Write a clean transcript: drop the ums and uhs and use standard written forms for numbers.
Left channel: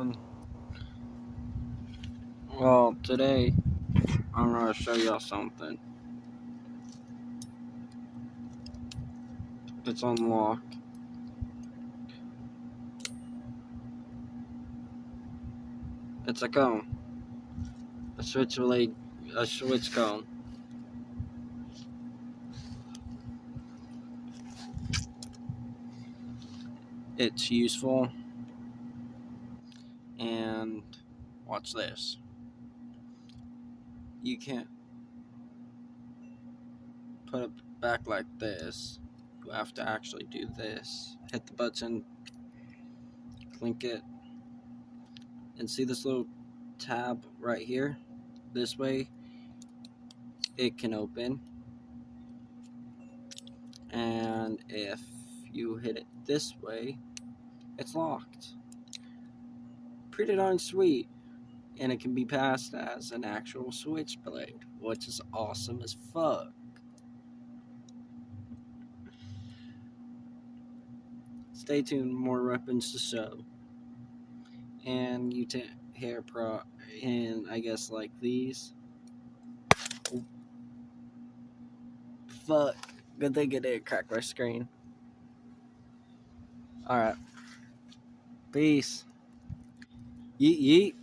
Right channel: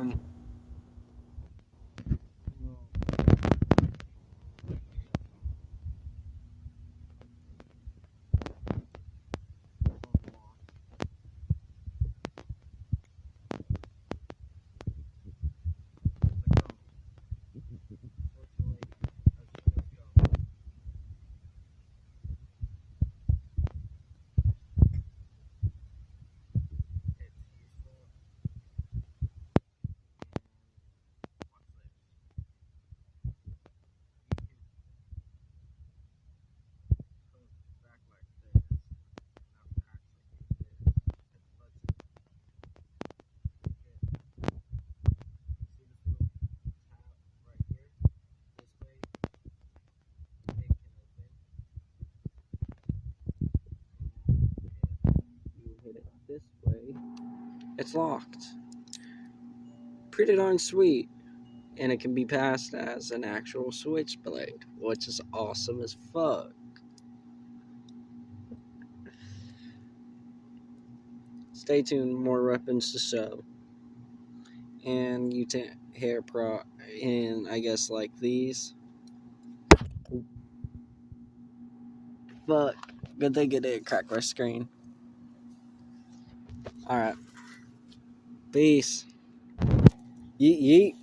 everyone. Well, today I'm going to show y'all something. It's unlocked. It's a cone. A switchblade, a switch cone. It's useful. And watch this. You can't put it back like this. You have to actually do this. Hit the button, click it, and see this little tab right here? This way it can open. And if you hit it this way, it's locked. Pretty darn sweet. And it can be passed as an actual switchblade, which is awesome as fuck. Stay tuned, more weapons to show. And you hair pro in, I guess, like these. Ooh. Fuck. Good thing it didn't crack my screen. Alright. Peace. Yeet yeet.